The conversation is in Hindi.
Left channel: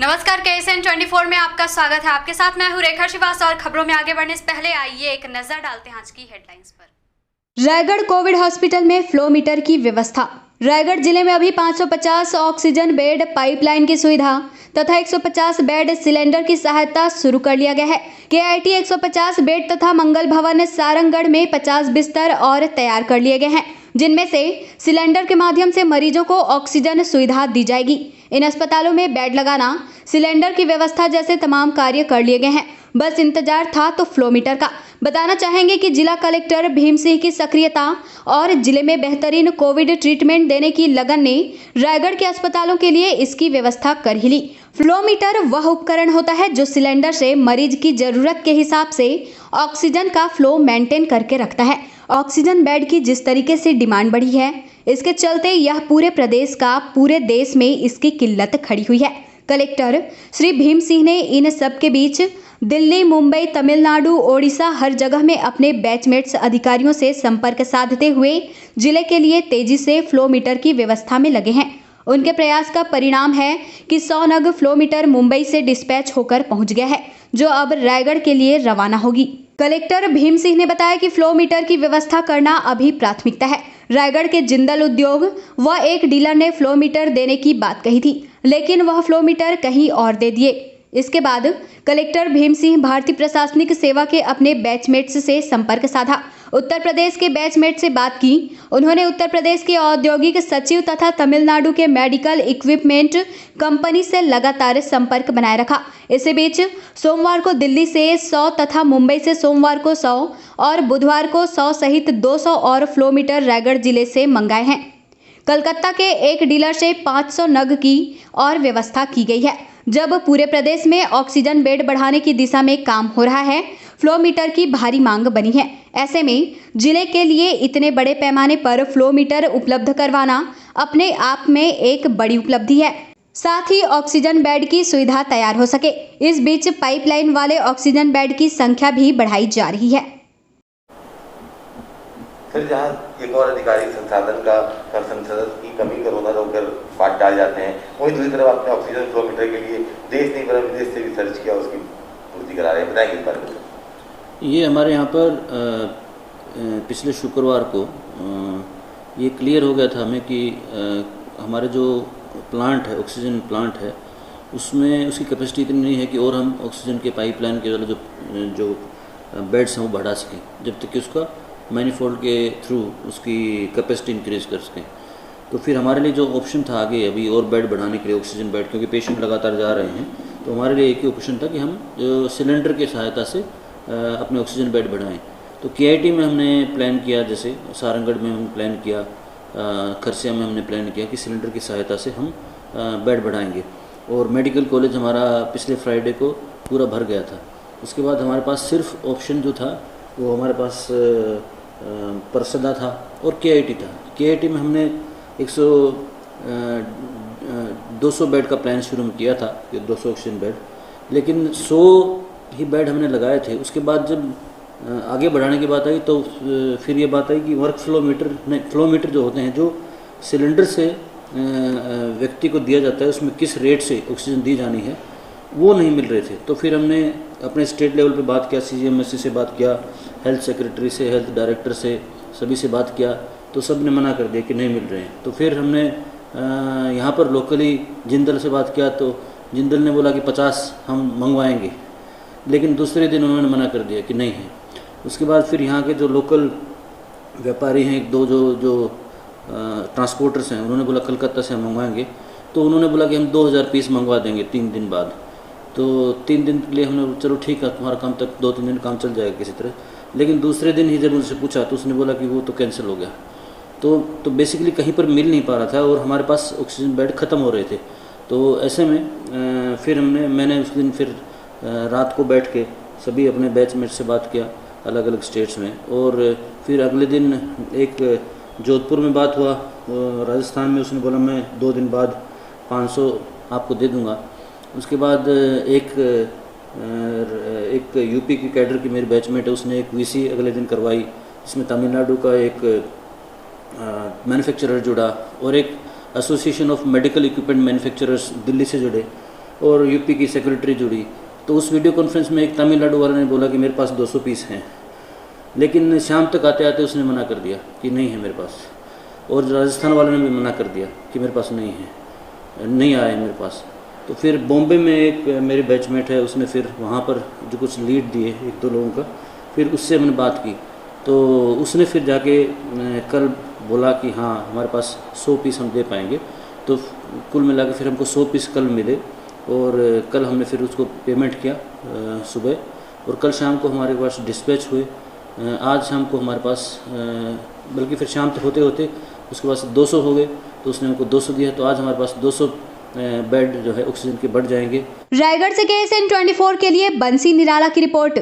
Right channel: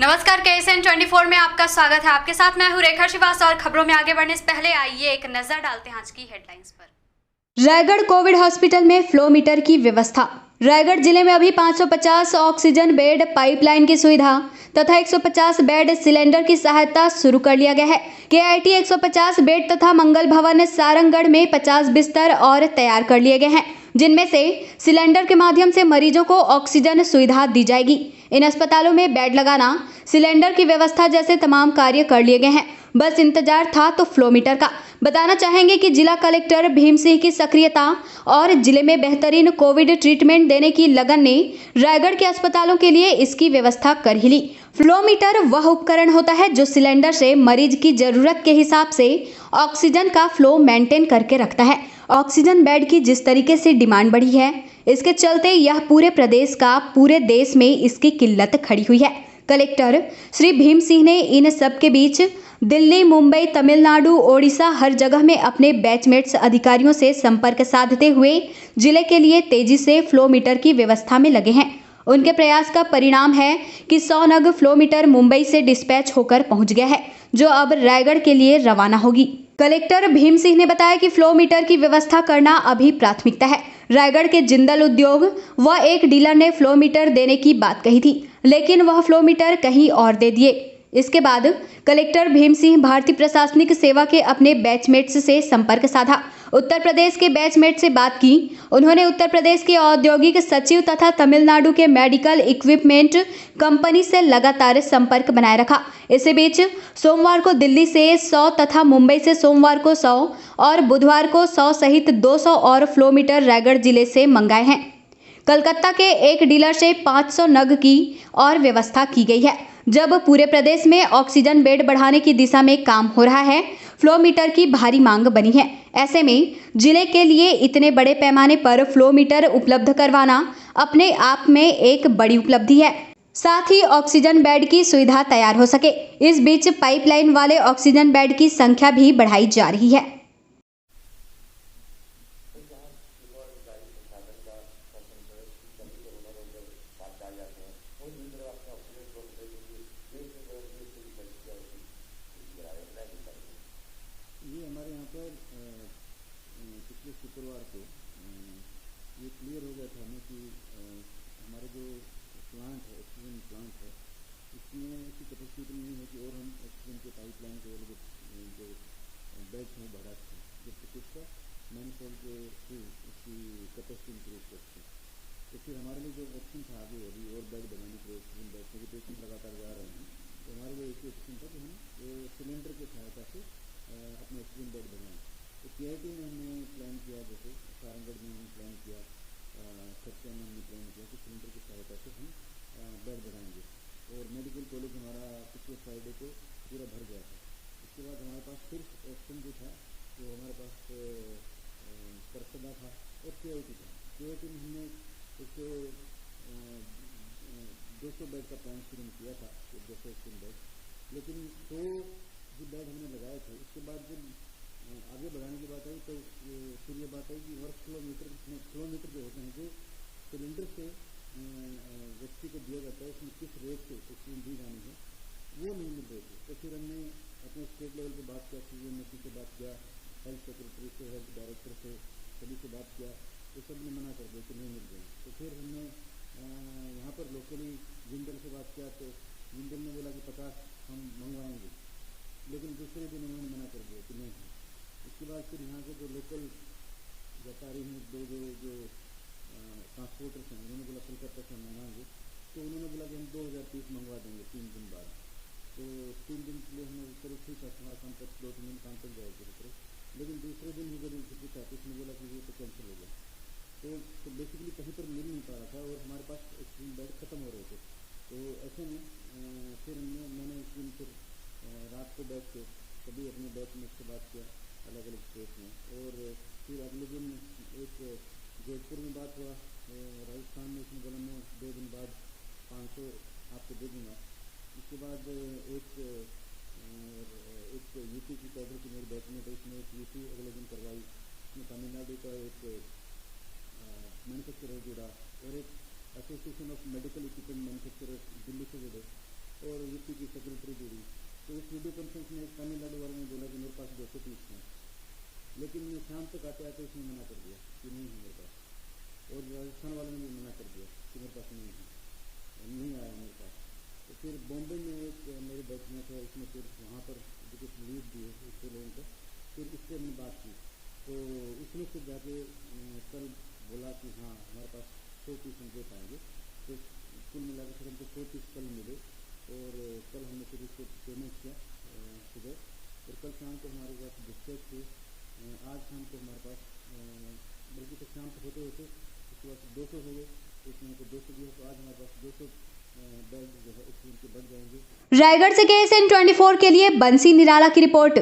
नमस्कार, KSN 24 में आपका स्वागत है। आपके साथ मैं हूं रेखा श्रीवास्तव और खबरों में आगे बढ़ने से पहले आइए एक नजर डालते हैं आज की हेडलाइंस पर। रायगढ़ कोविड हॉस्पिटल में फ्लो मीटर की व्यवस्था। रायगढ़ जिले में अभी 550 ऑक्सीजन बेड पाइपलाइन की सुविधा तथा 150 बेड सिलेंडर की सहायता शुरू कर लिया गया है। KIT 150 बेड तथा मंगल भवन सारंगगढ़ में 50 बिस्तर और तैयार कर लिए गए हैं, जिनमें से सिलेंडर के माध्यम से मरीजों को ऑक्सीजन सुविधा दी जाएगी। इन अस्पतालों में बेड लगाना, सिलेंडर की व्यवस्था जैसे तमाम कार्य कर लिए गए हैं। बस इंतजार था तो फ्लो मीटर का। बताना चाहेंगे कि जिला कलेक्टर भीम सिंह की सक्रियता और जिले में बेहतरीन कोविड ट्रीटमेंट देने की लगन ने रायगढ़ के अस्पतालों के लिए इसकी व्यवस्था कर ही ली। फ्लो मीटर वह उपकरण होता है जो सिलेंडर से मरीज की जरूरत के हिसाब से ऑक्सीजन का फ्लो मेंटेन करके रखता है। ऑक्सीजन बेड की जिस तरीके से डिमांड बढ़ी है, इसके चलते यह पूरे देश में इसकी किल्लत खड़ी हुई है। कलेक्टर श्री भीम सिंह ने इन सब के बीच दिल्ली, मुंबई, तमिलनाडु, ओडिशा हर जगह में अपने बैचमेट्स अधिकारियों से संपर्क साधते हुए जिले के लिए तेजी से फ्लो मीटर की व्यवस्था में लगे हैं। उनके प्रयास का परिणाम है कि 100 नग फ्लो मीटर मुंबई से डिस्पैच होकर पहुंच गया है, जो अब रायगढ़ के लिए रवाना होगी। कलेक्टर भीम सिंह ने बताया कि फ्लो मीटर की व्यवस्था करना अभी प्राथमिकता है। रायगढ़ के जिंदल उद्योग व एक डीलर ने फ्लो मीटर देने की बात कही थी, लेकिन वह फ्लो मीटर कहीं और दे दिए। इसके बाद कलेक्टर भीम सिंह भारतीय प्रशासनिक सेवा के अपने बैचमेट्स से संपर्क साधा। उत्तर प्रदेश के बैचमेट से बात की। उन्होंने उत्तर प्रदेश के औद्योगिक सचिव तथा तमिलनाडु के मेडिकल इक्विपमेंट कंपनी से लगातार संपर्क बनाए रखा। इसी बीच सोमवार को दिल्ली से 100 तथा मुंबई से सोमवार को 100 और बुधवार को 100 सहित 200 और फ्लो मीटर रायगढ़ जिले से मंगाए हैं। कलकत्ता के एक डीलर से 500 नग की और व्यवस्था की गई है। जब पूरे प्रदेश में ऑक्सीजन बेड बढ़ाने की दिशा में काम हो रहा है, फ्लो मीटर की भारी मांग बनी है। ऐसे में जिले के लिए इतने बड़े पैमाने पर फ्लो मीटर उपलब्ध करवाना अपने आप में एक बड़ी उपलब्धि है। साथ ही ऑक्सीजन बेड की सुविधा तैयार हो सके, इस बीच पाइपलाइन वाले ऑक्सीजन बेड की संख्या भी बढ़ाई जा रही है। फिर जहाँ एक और अधिकारी संसाधन का संसद की कमी करोना होकर बात डाल जाते हैं, वहीं दूसरी तरफ आपने ऑक्सीजन फ्लो मीटर के लिए देश नहीं पर विदेश से भी सर्च किया, उसकी पूर्ति करा रहे हैं, बताएंगे इस बारे में। ये हमारे यहाँ पर पिछले शुक्रवार को ये क्लियर हो गया था हमें कि हमारे जो प्लांट है, ऑक्सीजन प्लांट है, उसमें उसकी कैपेसिटी इतनी नहीं है कि और हम ऑक्सीजन के पाइपलाइन के वाले जो बेड्स हैं वो बढ़ा सकें, जब तक कि उसका मैनीफोल्ड के थ्रू उसकी कैपेसिटी इंक्रीज कर सकें। तो फिर हमारे लिए जो ऑप्शन था आगे अभी और बेड बढ़ाने के लिए, ऑक्सीजन बेड, क्योंकि पेशेंट लगातार जा रहे हैं, तो हमारे लिए एक ही ऑप्शन था कि हम सिलेंडर की सहायता से अपने ऑक्सीजन बेड बढ़ाएं। तो KIT में हमने प्लान किया, जैसे सारंगगढ़ में हमने प्लान किया, खरसिया में हमने प्लान किया कि सिलेंडर की सहायता से हम बेड बढ़ाएंगे। और मेडिकल कॉलेज हमारा पिछले फ्राइडे को पूरा भर गया था। उसके बाद हमारे पास सिर्फ ऑप्शन जो था वो हमारे पास परसदा था और KIT था। KIT में हमने 200 बेड का प्लान शुरू में किया था, 200 ऑक्सीजन बेड, लेकिन 100 ही बेड हमने लगाए थे। उसके बाद जब आगे बढ़ाने की बात आई तो फिर ये बात आई कि वर्क फ्लो मीटर जो होते हैं, जो सिलेंडर से व्यक्ति को दिया जाता है, उसमें किस रेट से ऑक्सीजन दी जानी है, वो नहीं मिल रहे थे। तो फिर हमने अपने स्टेट लेवल पे बात किया, CGMSC से बात किया, हेल्थ सेक्रेटरी से, हेल्थ डायरेक्टर से, सभी से बात किया, तो सब ने मना कर दिया कि नहीं मिल रहे हैं। तो फिर हमने यहाँ पर लोकली जिंदल से बात किया, तो जिंदल ने बोला कि 50 हम मंगवाएंगे, लेकिन दूसरे दिन उन्होंने मना कर दिया कि नहीं है। उसके बाद फिर यहाँ के जो लोकल व्यापारी हैं, एक दो जो ट्रांसपोर्टर्स हैं, उन्होंने बोला कलकत्ता से हम मंगवाएंगे। तो उन्होंने बोला कि हम 2000 पीस मंगवा देंगे 3 दिन बाद। तो 3 दिन के लिए हमने चलो ठीक है, तुम्हारा काम तक 2-3 दिन काम चल जाएगा किसी तरह। लेकिन दूसरे दिन ही जब उनसे पूछा तो उसने बोला कि वो तो कैंसिल हो गया। तो बेसिकली कहीं पर मिल नहीं पा रहा था और हमारे पास ऑक्सीजन बेड ख़त्म हो रहे थे। तो ऐसे में फिर मैंने उस दिन फिर रात को बैठ के सभी अपने बैचमेट से बात किया अलग अलग स्टेट्स में, और फिर अगले दिन एक जोधपुर में बात हुआ, राजस्थान में। उसने बोला मैं 2 दिन बाद 500 आपको दे दूंगा। उसके बाद एक यूपी की कैडर की मेरी बैचमेट है, उसने एक VC अगले दिन करवाई, इसमें तमिलनाडु का एक मैन्युफैक्चरर जुड़ा और एक association of medical equipment manufacturers Delhi से जुड़े, और यूपी की सेक्रेटरी जुड़ी, तो उस वीडियो कॉन्फ्रेंस में एक तमिलनाडु वाले ने बोला कि मेरे पास 200 पीस हैं, लेकिन शाम तक आते आते उसने मना कर दिया कि नहीं है मेरे पास, और राजस्थान वाले ने भी मना कर दिया कि मेरे पास नहीं है, नहीं आए मेरे पास। तो फिर बॉम्बे में एक मेरे बैचमेट है, उसने फिर वहाँ पर जो कुछ लीड दिए एक दो लोगों का, फिर उससे मैंने बात की, तो उसने फिर जाके कल बोला कि हाँ हमारे पास 100 पीस हम दे पाएंगे। तो कुल मिला के फिर हमको 100 पीस कल मिले, और कल हमने फिर उसको पेमेंट किया सुबह, और कल शाम को हमारे पास डिस्पैच हुए। आज शाम को हमारे पास बल्कि फिर शाम तक होते होते उसके पास 200 हो गए, तो उसने हमको 200 दिया, तो आज हमारे पास 200 बेड जो है ऑक्सीजन के बढ़ जाएंगे। रायगढ़ से KSN 24 के लिए बंसी निराला की रिपोर्ट।